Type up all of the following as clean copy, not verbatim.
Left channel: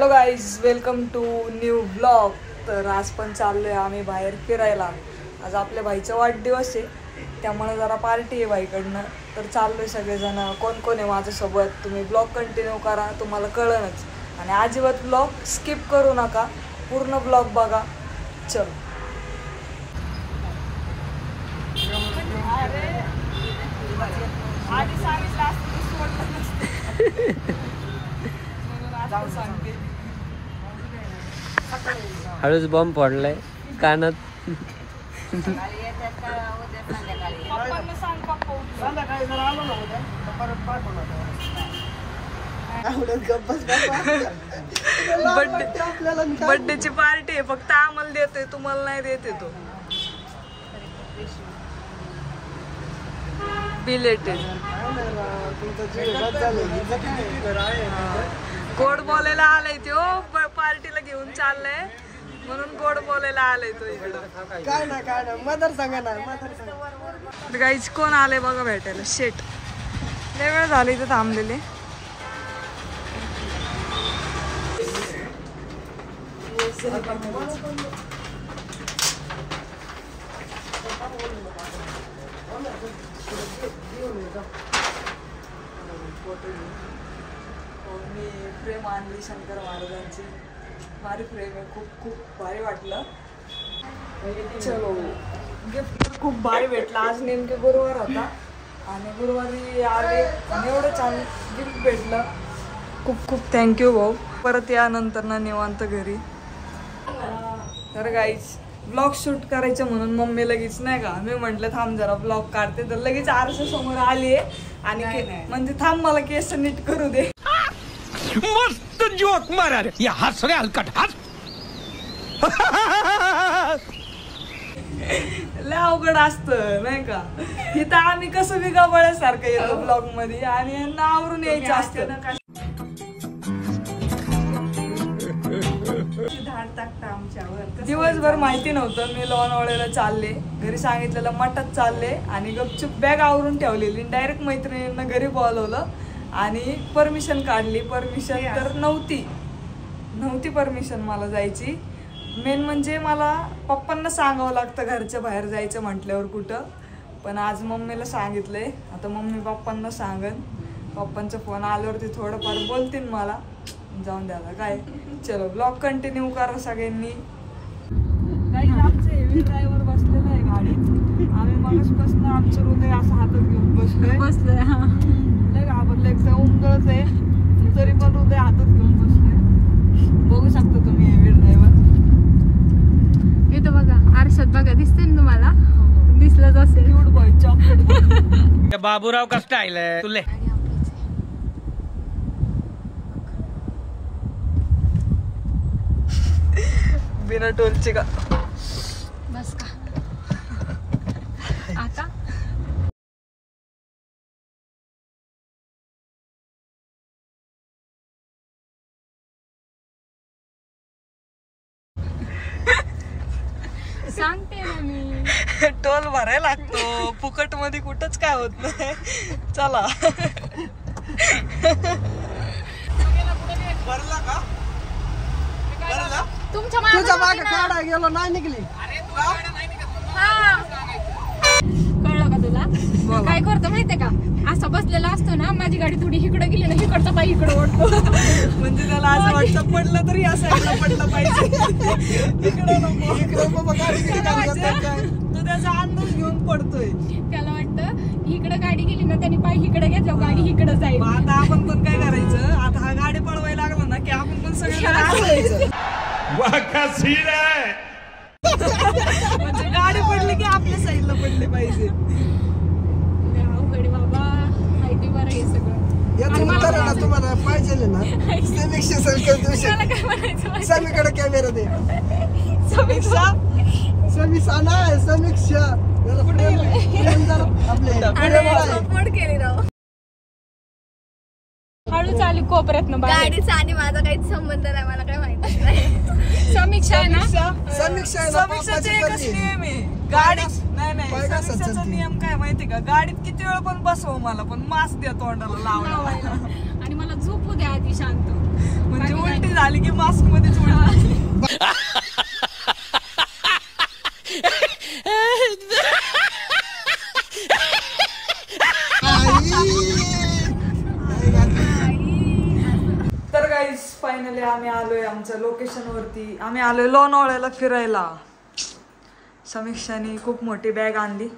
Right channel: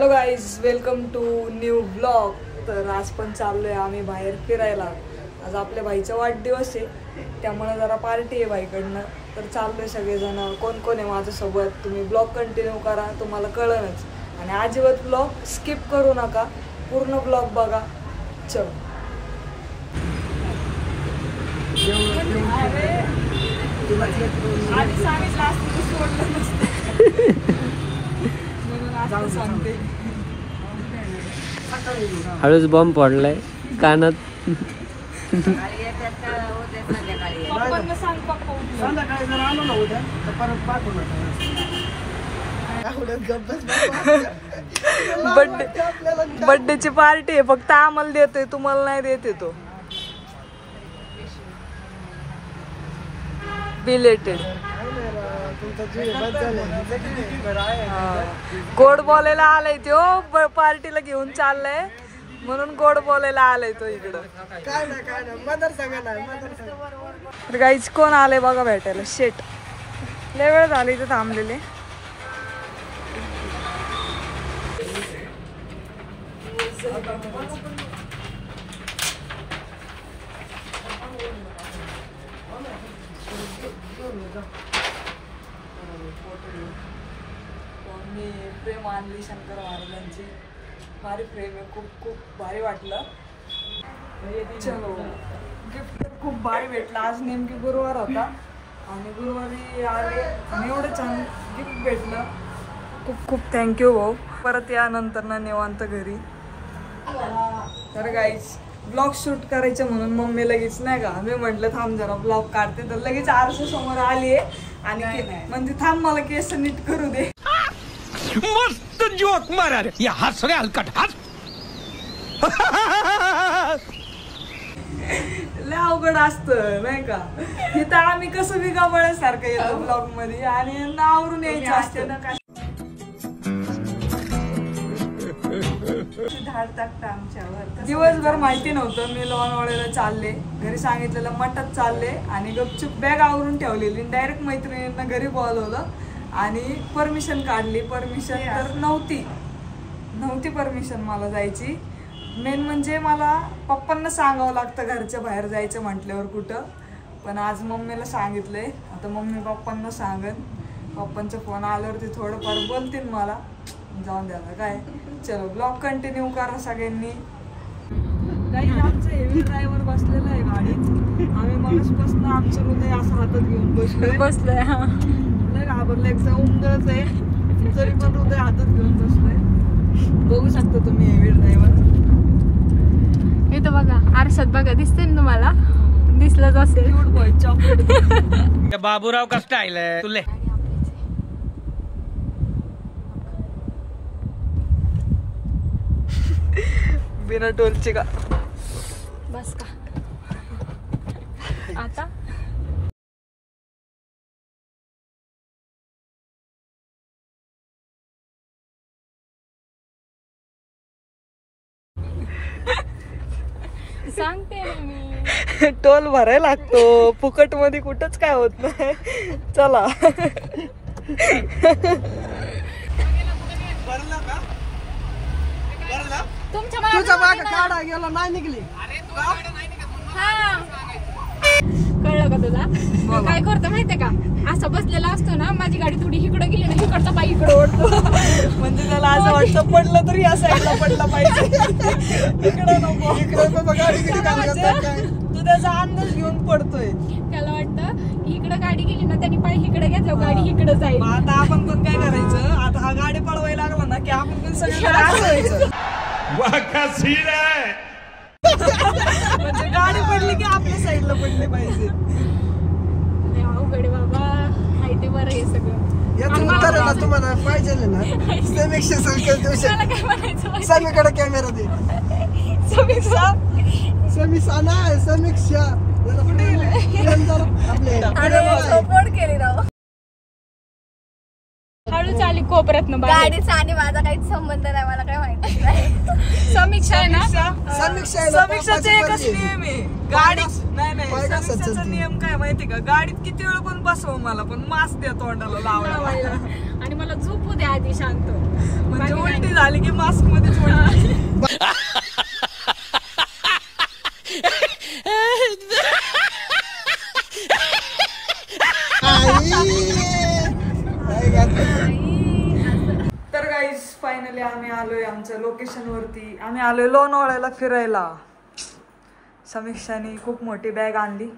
Hello guys, welcome to new blog. तर आज पण चाललोय आम्ही बाहेर फिरायला. आज आपल्या भाईचा वाढदिवस आहे, त्यामुळे जरा पार्टी आहे भाईकडनं. तर चाललोय सगळेजण. कोण कोण आहे माझ्यासोबत तुम्ही ब्लॉग कंटिन्यू करा, तुम्हाला कळणच. आणि अजिबात ब्लॉग स्किप करू नका, पूर्ण ब्लॉग बघा. चलो. हळूच बॉम्ब पडलाय कानात. बर्थडेची पार्टी आहे, फक्त आम्हाला देतोय, तुम्हाला नाही देते तो. बिलेटेड गोड बोलायला आलाय तो, पार्टीला घेऊन चाललाय म्हणून गोड बोलायला आलाय तो इकडं. तर गाईच कोण आलंय बघा भेटायला. शेट लय वेळ झाला इथं थांबलेले. मी प्रेम आणली शंकर महाराजांची, भारी प्रेम आहे, खूप खूप भारी वाटलं. चलो, गिफ्ट खूप भारी भेटलं. आज नेमके गुरुवार होता आणि गुरुवारी आले आणि एवढं छान गिफ्ट भेटलं. खूप खूप थँक्यू भाऊ. परत या नंतर ना निवांत घरी. तर गाईज ब्लॉग शूट करायचं म्हणून मम्मी लगेच नाही का, मी म्हटलं थांब जरा ब्लॉग काढते, तर लगेच आरसा समोर आली आहे आणि म्हणजे थांब मला केस नीट करू दे. मस्त जोक मारा रे, या हस रे हलकट हस. लय अवघड असतं नाही का, इथं आम्ही कसं बी गबाळ्यासारखं येतो ब्लॉग मध्ये आणि यांना आवरून यायचं असतं ना. दिवसभर माहिती नव्हतं मी लोणावळ्याला चालले, घरी सांगितलेलं मठात चालले आणि गपचूप बॅग आवरून ठेवलेली. डायरेक्ट मैत्रिणींना घरी बोलवलं आणि परमिशन काढली. परमिशन तर नव्हती परमिशन मला जायची. मेन म्हणजे मला पप्पांना सांगावं लागतं घरच्या बाहेर जायचं म्हटल्यावर कुठं. पण आज मम्मीला सांगितलंय, आता मम्मी पप्पांना सांगन. पप्पांचा फोन आल्यावरती थोडंफार बोलतील मला, जाऊन द्यायला काय. चलो ब्लॉग कंटिन्यू करा सगळ्यांनी. काही आमचं हेवी ड्रायव्हर बसलेलं आहे गाडीत. आम्ही मगासपासून आमचं हृदय असं हातात घेऊन बसलोय. घाबरलं, एक सौंदर्यच आहे तरी पण हृदय हातात घेऊन बसलोय. बघू शकता तुम्ही हेवी ड्रायव्हर. इथं बघा, आरशात बघा, दिसते ना तुम्हाला? दिसलंच असेल. Cute boy, chocolate. बाबूराव का स्टाईल आहे तुले. बिना टोलचे का बस का आता. सांगते मी, टोल भरायला लागतो, फुकट मध्ये कुठंच काय होत नाही. चला. भरला का? भरला? तुझा माग काढा गेलो नाही निघली. कळलं का तुला? काय करतो माहितीये का, असं बसलेला असतो ना, माझी गाडी थोडी इकडे गेली ना, इकडचा पाय इकडे ओढतो. म्हणजे त्याला असं वाटतं पडलं तरी या साईडला पडलं पाहिजे, इकडे नको. तू त्याचा अंदाज घेऊन पडतोय. त्याला वाटतं इकडे गाडी गेली ना, त्यांनी पाय इकडे घ्यायचं, गाडी इकडे जाईल. आता आपण पण काय करायचं, आता हा गाडी पळवायला लागला ना की आपण पण सगळं म्हणजे गाडी पडली की आपल्या साईडला पडले पाहिजे. अवघड बाबा, माहिती बरं हे सगळं. तुम्हाला पाहिजे ना समीकडे कॅमेरा दे. समीक्षा सपोर्ट केली ना. हळू चाली को कोपऱ्यात गाडीचा आणि माझा काहीच संबंध नाही, मला काय माहिती नाही. समीक्षा आहे ना, समीक्षाचा एकच नियम आहे गाडी नाही समीक्षाचा नियम काय माहिती का, गाडीत किती वेळ पण बसव मला पण मास्क द्या तोंडाला लावायला आणि मला झोपू द्या आधी शांत, म्हणजे उलटी झाली की मास्क मध्येच उलटी. तर गाईज फायनली आम्ही आलोय आमच्या लोकेशन वरती. आम्ही आलोय लोणावळ्याला फिरायला. समीक्षाने खूप मोठी बॅग आणली.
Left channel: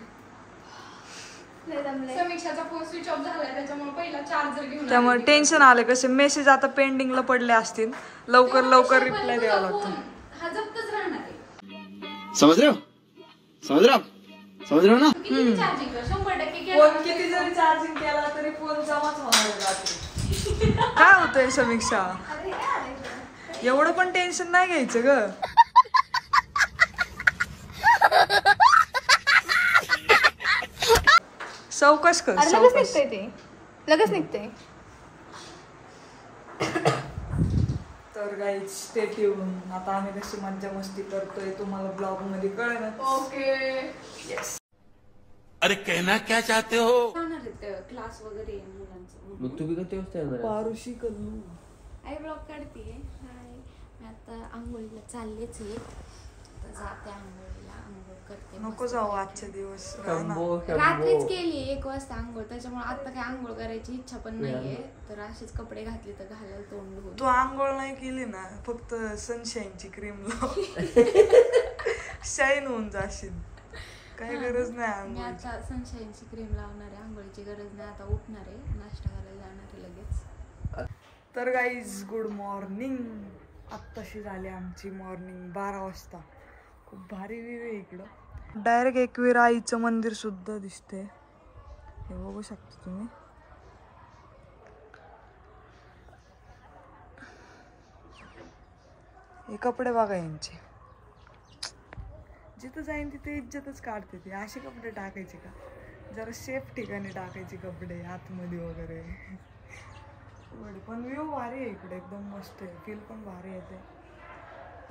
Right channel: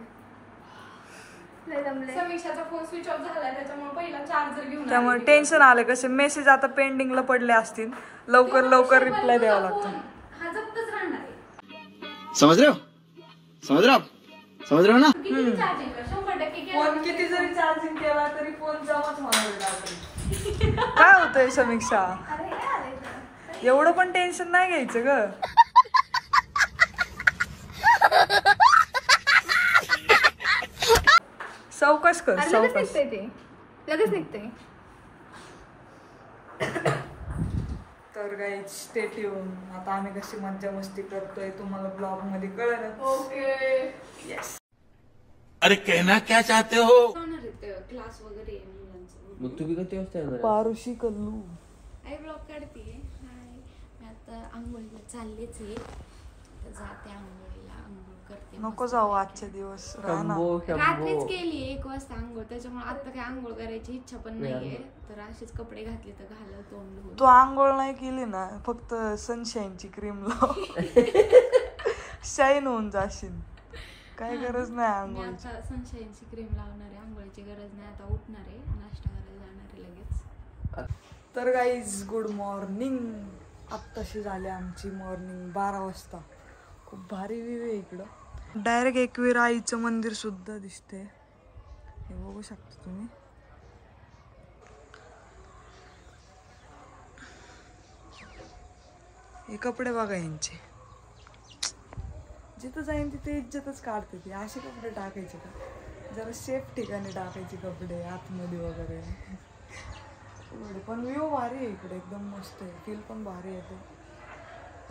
समीक्षाचा फोन स्विच ऑफ झाला त्याच्यामुळे पहिला चार्जर घेऊन, त्यामुळे टेन्शन आले. कसे मेसेज आता पेंडिंगला पडले असतील, लवकर लवकर रिप्लाय द्यावा लागतो. हा जप्तच राहणार आहे. समझ रहे हो ना. किती चार्जिंग 100% फोन किती जरी चार्जिंग केला तरी फोन जमाच होणार आहे रात्री. काय होतंय समीक्षा, एवढं पण टेन्शन नाही घ्यायचं ग. चौकश कर, चौकश. लगेच निघते. तर गाईज स्टे ट्यून. आता आम्ही कशी मज्जा मस्ती करतोय तुम्हाला ब्लॉग मध्ये कळलं. ओके. येस. अरे कहना क्या चाहते हो? क्लास वगैरे मुलांचं. मग तुम्ही कधी वाजता येणार? पारुशी कल्लू आई ब्लॉग काढतीये. मी आता आंघोळीला चाललेच आहे, जाते आंघोळीला, आंघोळ करते. नको जाऊ आजचे दिवस, रात्रीच केली 1 वाजता आंघोळ, त्याच्यामुळे आता काही आंघोळ करायची इच्छा पण नाहीये. तर असेच कपडे घातले तर घालायला तोंड धुवून. तू आंघोळ नाही केली ना, फक्त सनशाईनची क्रीम लाव, शाईन होऊन जाशील. काय गरज नाही मी आंघोळीची. आता सनशाईनची क्रीम लावणार आहे, आंघोळीची गरज नाही. आता उठणार आहे, नाश्ता करायला जाणार आहे लगेच. तर गाईज गुड मॉर्निंग. आत्ताशी झाली आमची मॉर्निंग 12 वाजता. खूप भारी व्ह्यू आहे इकडं. डायरेक्ट एकवीर आईचं मंदिर सुद्धा दिसते, हे बघू शकता तुम्ही. हे कपडे बघा यांचे, जिथं जाईन तिथे इज्जतच काढते ती. असे कपडे टाकायचे का, जरा सेफ ठिकाणी टाकायचे कपडे, आतमध्ये वगैरे. पण व्ह्यू भारी आहे इकडे, एकदम मस्त आहे. फील पण भारी येते.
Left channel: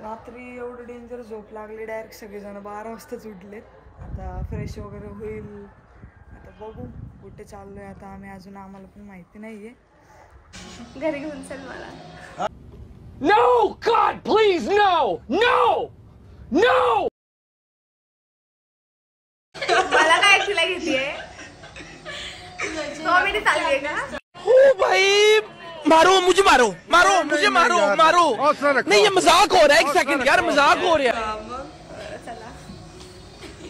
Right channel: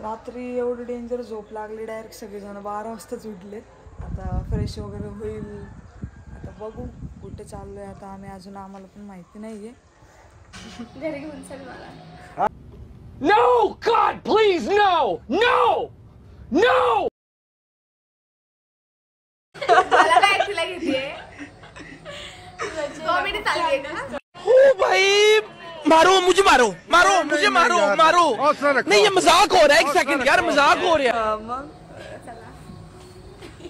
रात्री एवढं डेंजर झोप लागली, डायरेक्ट सगळेजण 12 वाजताच उठले. आता फ्रेश वगैरे होईल, आता बघू कुठे चाललोय आता आम्ही, अजून आम्हाला पण माहिती नाहीये. घरी घेऊन चल मला. No, God, please, no, no, no. मला काय ऐकायला घेतीये, कॉमेडी चालली आहे का? ओ भाई, मारो मुझे, मारो मारो मुझे, मारो मारो. नहीं, ये मजाक हो रहा है. 1 सेकंड यार, मजाक हो रहा है. मग चला.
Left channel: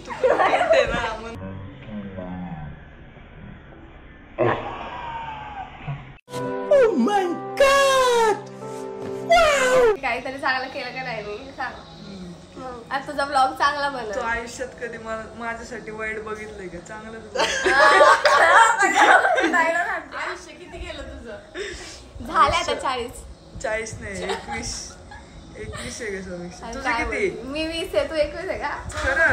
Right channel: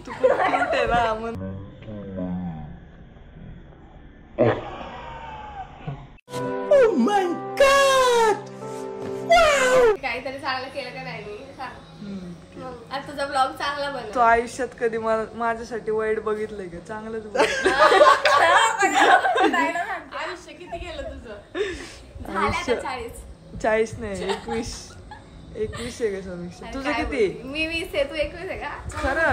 तू कुठे ना मग. Oh my God. काहीतरी चांगलं केलं का नाही मी सांग. मग आज तुझा ब्लॉग चांगला तू बनव. आयुष्यात कधी माझ्यासाठी वाईट बघितलंय का? चांगलंच बघ. आयुष्य किती गेलं तुझं? झाले आता 40. 40 नाही, 21 आहे का समीक्षा? आणि तुझं काय किती? बोलती? मी 20 आहे, तू 21 आहे का? खरं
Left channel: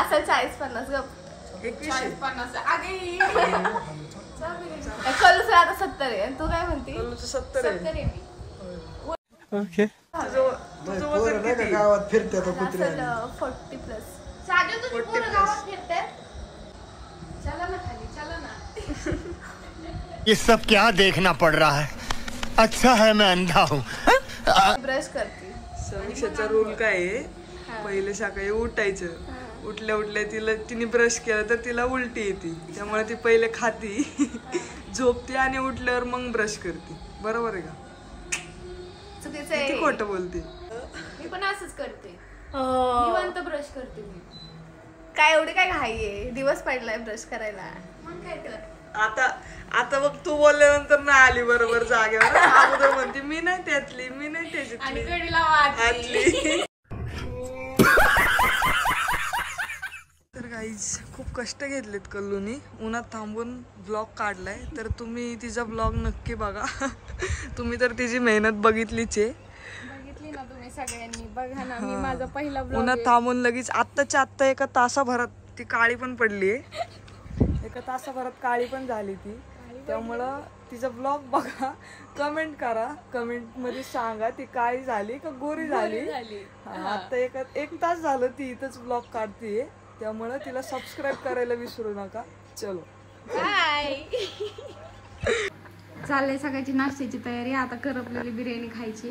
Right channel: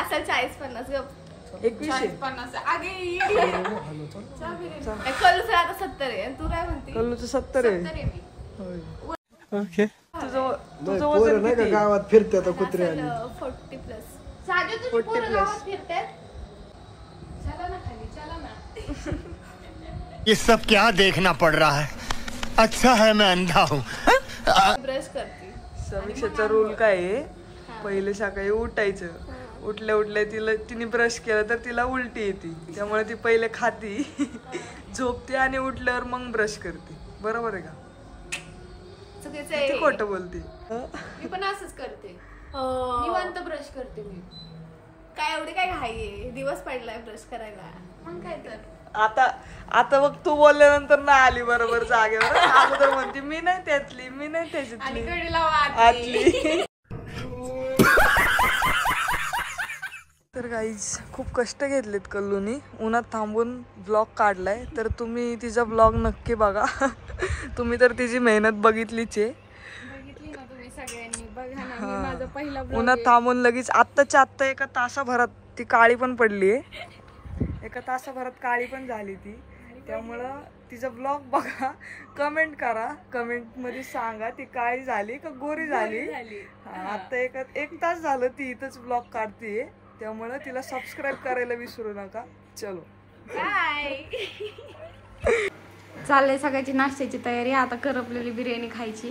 असं 40-50 गप. 21 आहे. 50. कलूच आता 70 आहे. आणि तू काय म्हणती? बोलू 70 आहे. 70 आहे मी. Okay. तुझं वजन किती? गावात फिरते असेल 40+. साजू तुझी 40 पोरं plus. गावात फिरतात. चला ना खाली, चला ना. ये सब क्या देखना पड़ रहा है? अच्छा है मैं अंधा हूँ. ब्रश करते. समीक्षाचा रूल काय आहे, पहिले सकाळी उठायचं, उठल्या तिने ब्रश केलं तर तिला उलटी येते, त्यामुळे ती पहिले खाती, झोपते आणि उठल्यावर मग ब्रश करते. बरोबर आहे का? चुकीचं किती आहे. खोटं बोलते. मी पण असंच करते, निवांत ब्रश करते मी. काय एवढी काय घाई आहे, दिवस पडलाय ब्रश करायला. मग काय केलं? आता बघ तू बोलल्यानंतर ना आली बरोबर जागेवर. अगोदर म्हणते मी नाही त्यातली, मी नाही आणि त्याच्यातली, कडी लावा आतली. तर गाईज खूप कष्ट घेतलेत कल्लूनी, उन्हात थांबून ब्लॉग काढलाय. तर तुम्ही तिचा ब्लॉग नक्की बघा. तुम्ही तर तिची मेहनत बघितलीच आहे. बघितली ना तुम्ही सगळ्यांनी, बघा ना. मी माझा पहिला ब्लॉग उन्हात थांबून लगेच आत्ताच्या आत्ता 1 तासाभरात ती काळी पण पडली आहे. 1 तासाभरात काळी पण झाली ती. त्यामुळं तिचा ब्लॉग बघा, कमेंट करा, कमेंट मध्ये सांगा ती काळी झाली का गोरी झाली. आता एक तास झालं ती इथंच ब्लॉग काढतीये, त्यामुळं तिला सबस्क्राईब करायला विसरू नका. चलो बाय. चाललंय सगळ्याची नाश्त्याची तयारी. आता करपलेली बिर्याणी खायची.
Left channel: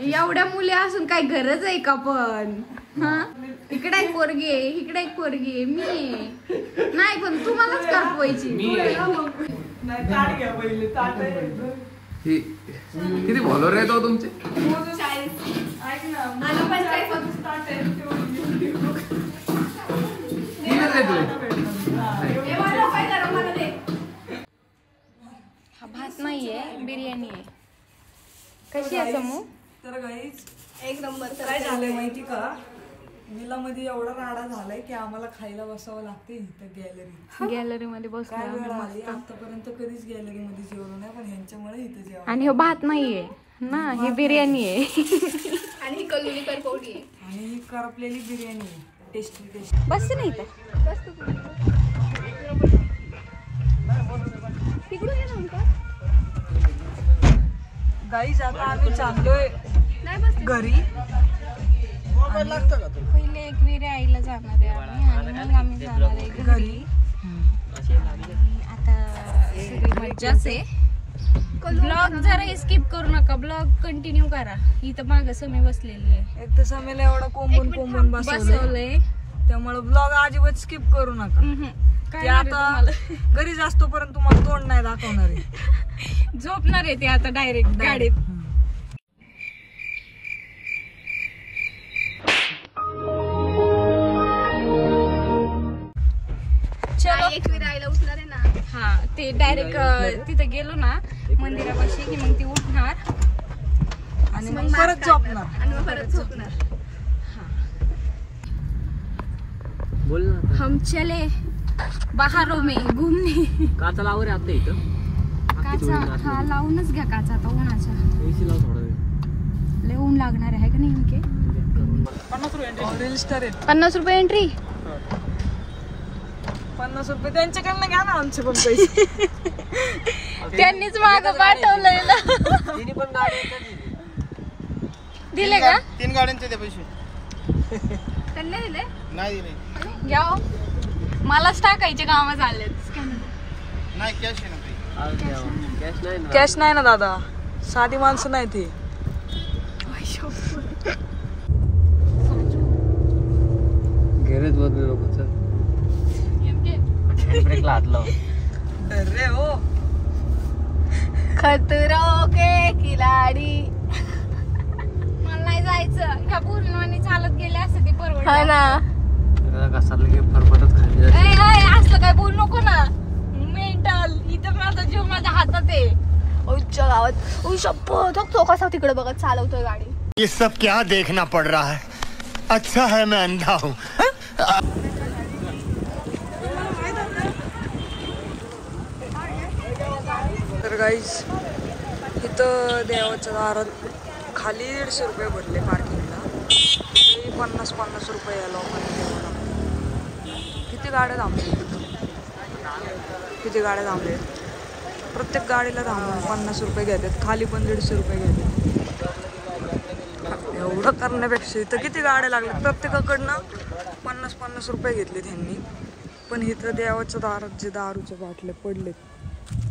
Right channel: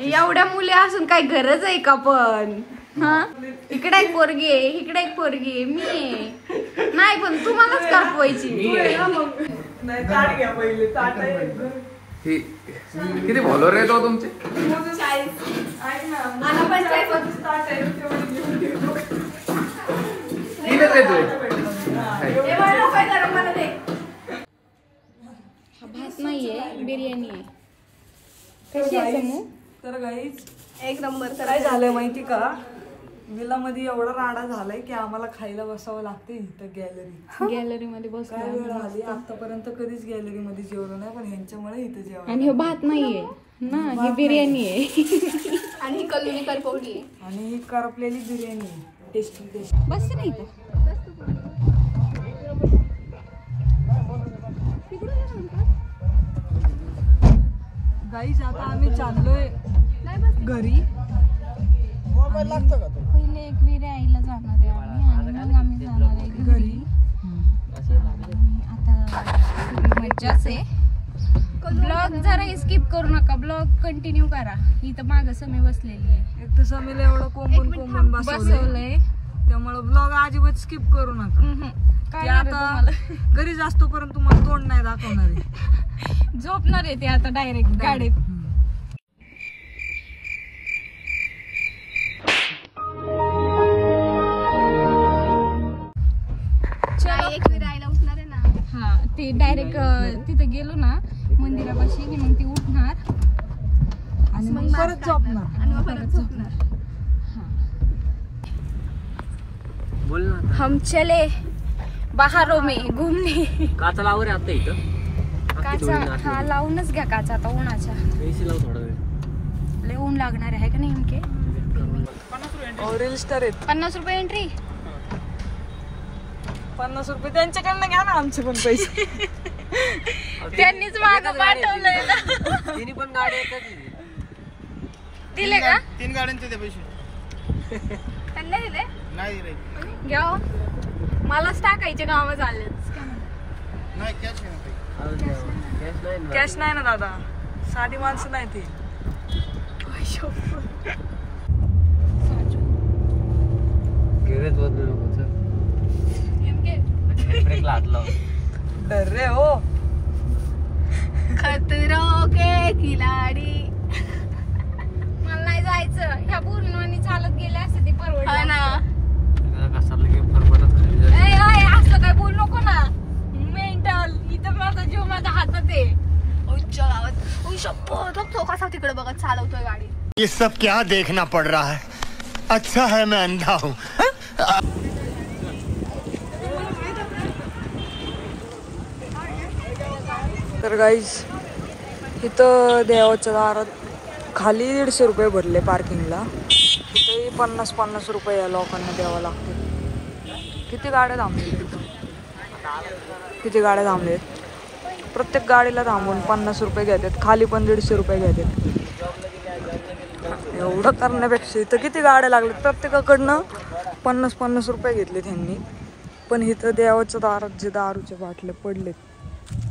एवढ्या मुली असून काही गरज आहे का पण? हा, इकडे एक पोरगी आहे, इकडे एक पोरगी आहे, मी आहे. नाही पण तुम्हालाच करपवायची. नाही ताट घ्या पहिले, ताट किती फॉलोअर आहेत तुमचे? ऐक ना, मला पण काय ताट आहे तेवढी तीनच हा भात नाहीये, बिर्याणी आहे. कशी आहे समू? तर गाईच एक नंबर. काय झालंय माहिती का, विलामध्ये एवढा राडा झालाय की आम्हाला खायला बसावं लागते इथं गॅलरी मध्ये काय बसलो. वेळ आली, आतापर्यंत कधीच गॅलरी मध्ये जेवलो नाही, पण ह्यांच्यामुळे इथं जेवण. आणि हे भात नाहीये ना, ही बिर्याणी आहे. आणि ही कल्लुनी करपवली आहे. आणि ही करपलेली बिर्याणी आहे. टेस्टी बस नाही का? गाईज आता आम्ही चाललोय घरी. पहिले एकविरा आईला जाणार आहे आम्ही, आणि मग आम्ही जाणार आहे घरी. आता सगळी मज्जाच आहे. ब्लॉग जरा स्किप करू नका, ब्लॉग कंटिन्यू करा. इथं मागं समय बसलेली आहे. एक तर समीला एवढं कोंबून बसवलंय, त्यामुळे ब्लॉग अजिबात स्किप करू नका. काय ते आता घरी जास्तो पर्यंत तुम्हाला तोंड नाही दाखवणार आहे. झोपणार आहे ते आता डायरेक्ट गाडीत. एक विरायला उठणार आहे ना. हा, ते डायरेक्ट तिथे गेलो ना मंदिरापाशी की मग ती उठणार आणि मग परत झोपणार. आणि मग परत झोपणार. बोल ना. हम चले बाहरों में घूमने. काचा लाव रे आता इथं. काचा हा लावूनच घ्या काचा आता उन्हाचा. पैसे लाव थोडा वेळ. लय ऊन लागणार आहे का नाही नेमके? रील्स्टर आहेत. 50 रुपये एंट्री. 50 रुपये त्यांच्याकडनं घ्या ना आमचे पण पैसे. त्यांनीच मागं पाठवलंय ना. तिने पण गाडी दिले का? 3 गाड्यांचे ते पैसे त्यांना दिले? नाही दिले. घ्या हो. मलाच टाकायचे कामं झाले. नाही कॅश आहे ना. कॅश नाही ना दादा, साधी माणसं नाही ती. गेरेज बदलू नको. ब्रेकला हात लाव. अरे हो, खतरो के खिलाडी. मला नाही जायचं. ह्या पूर्णवानी चालत गेले असते ती परवडली. हा ना. कसाला की फरफटच खाली जाते. असलं काय बोलू नको ना. मेंटल. इथं माझा जीव माझ्या हातात आहे. उच्च गावात शपथ कसा तिकडे बघत चालवतोय गाडी. ये सब क्या देखना पड़ रहा है? अच्छा है मैं अंधा हूँ. तर गाईज इथं देवाच्या दारात खाली 150 रुपये भरले पार्किंगला. इथेही 50 रुपये या लोकांना द्यावं लागते. किती गाड्या थांबले तिथं, किती गाड्या थांबलेत. प्रत्येक गाडीला थांबून 50 रुपये घेतात, खाली पण 150 रुपये घेतात. एवढं करण्यापेक्षा इथं किती गाड्या लागल्यात, प्रत्येकाकडनं 50 रुपये घेतले त्यांनी. पण इथं देवाच्या दारात जे दारूचे बाटले पडलेत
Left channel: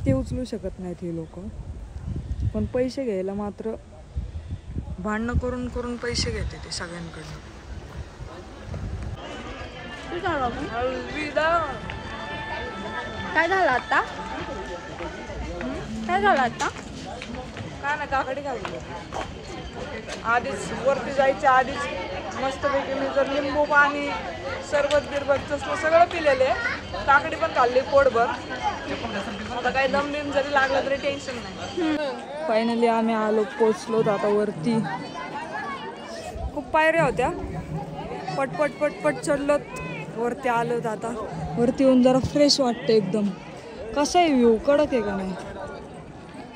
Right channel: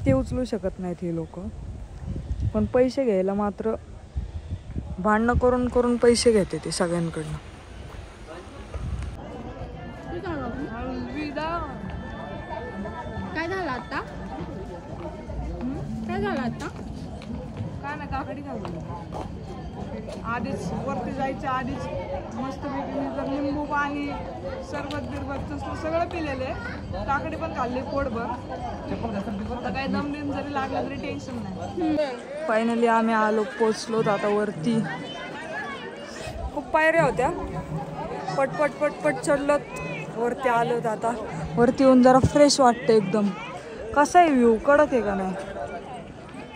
ते उचलू शकत नाहीत हे लोक. पण पैसे घ्यायला मात्र भांडणं करून करून पैसे घेते ते सगळ्यांकडनं. काय झालं आता? काय झालं आता? काय ना काकडी घालतो. आधीच वरती जायच्या आधीच मस्तपैकी मी जर लिंबू पाणी सरबत बिरबत तसलं सगळं पिलेलं आहे. काकडी पण खाल्ली पोटभर. आता काही दम बिम जरी लागला तरी टेन्शन नाही. फायनली आम्ही आलो, पोचलो आता वरती. खूप पायऱ्या होत्या, पटपट पटपट चढलोत वरती आलोत. आता वरती येऊन जरा फ्रेश वाटतं एकदम. कसा आहे व्ह्यू, कडक आहे का नाही.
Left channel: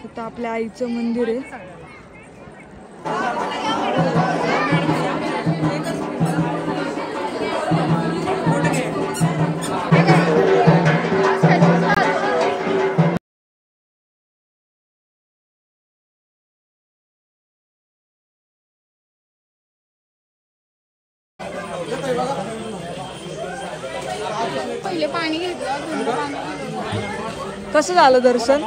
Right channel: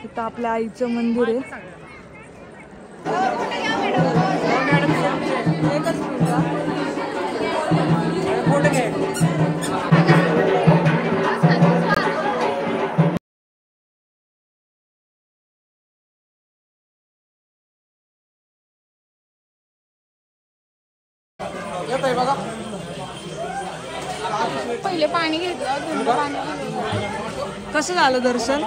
इथं आपल्या आईचं मंदिर आहे. कसं झालं दर्शन?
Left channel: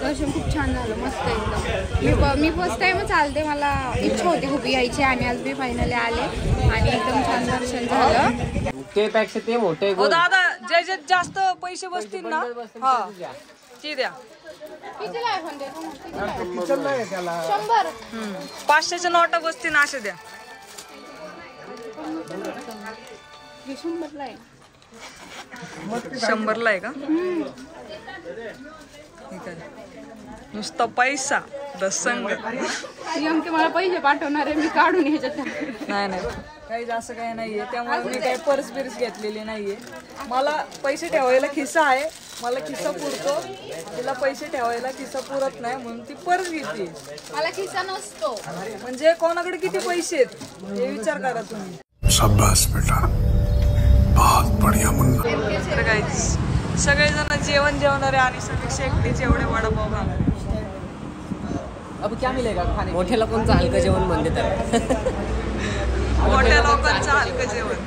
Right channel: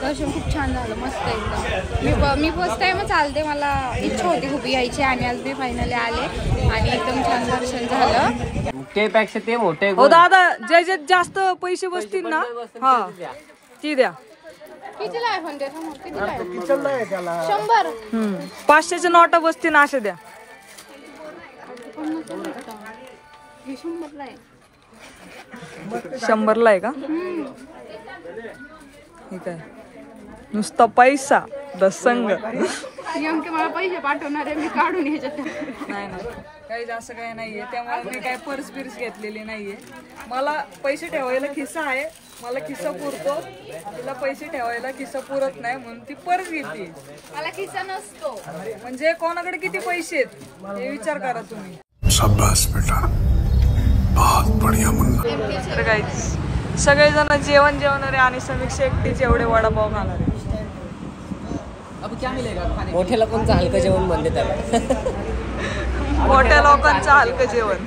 दर्शन खूप छान झालं, मस्त एकदम. मी फर्स्ट टाइमच आलते, मला इच्छा होती खूप यायची आणि आज मी फायनली आले आणि एकदम छान दर्शन झालं. ते पेक्षा ते मोठे हो दादा, जे जास्त पैसे बसतील ना हा ती द्या. 500ची नोटा बसतील असे द्या. हे 100ला आहे. 100ला आहे का? ठीक आहे. नुसता पैसा दसंग. नेमके मला पैसे पाठवणार आहे, मी काढून ह्याच्यात. नाही काही असं काही नाहीये, त्यामुळे मी काही पर्स बिर्स घेतलेली नाहीये. मला पैसे ठेवायला खिस्सा आहे, मला खिस्सा पुरतो. तिला पैसे ठेवायला खिस्सा पुरत नाही म्हणून ती पर्स घेते. मला खिस्सा नसतो. म्हणजे कोणाकडे किती पैसे आहेत हे विचार करा तुम्ही. शाबाश बेटा, बहुत बढ़िया मुन्ना. तर गाईज सगळेजण जेवणारे आणि समीक्षा एकटीच एवढे वडापाव खाणारे. अब क्या मिलेगा खाने? मोठ्या लोकांचं हलकं जेवण म्हणते त्याला. मोठ्या लोकांचं हलकं जेवण.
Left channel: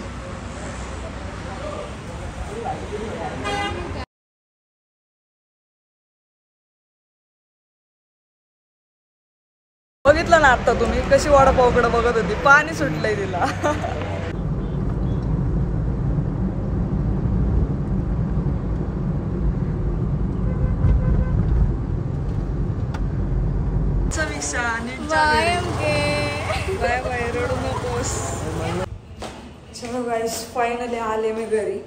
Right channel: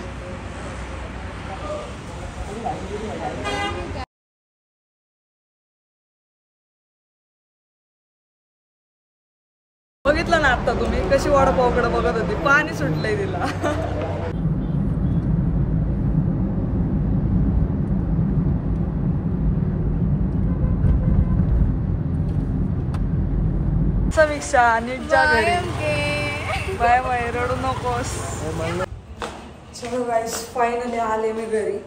बघितलं ना आता तुम्ही कशी वडापावकडे बघत होती, पाणी सुटलंय तिला. समीक्षा नीट जा घरी. बाय बाय, रडू नकोस. चलो गाईस, फायनली आले मी घरी.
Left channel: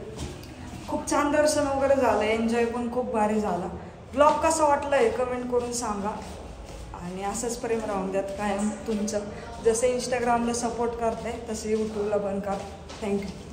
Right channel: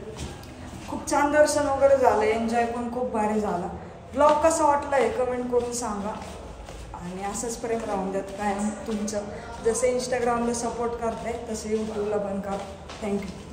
खूप छान दर्शन वगैरे झालं, एन्जॉय पण खूप भारी झाला. ब्लॉग कसा वाटला हे कमेंट करून सांगा आणि असंच प्रेम राहून द्यात कायम तुमचं. जसं इंस्टाग्रामला सपोर्ट करताय तसं यूट्यूबला पण करा. थँक्यू.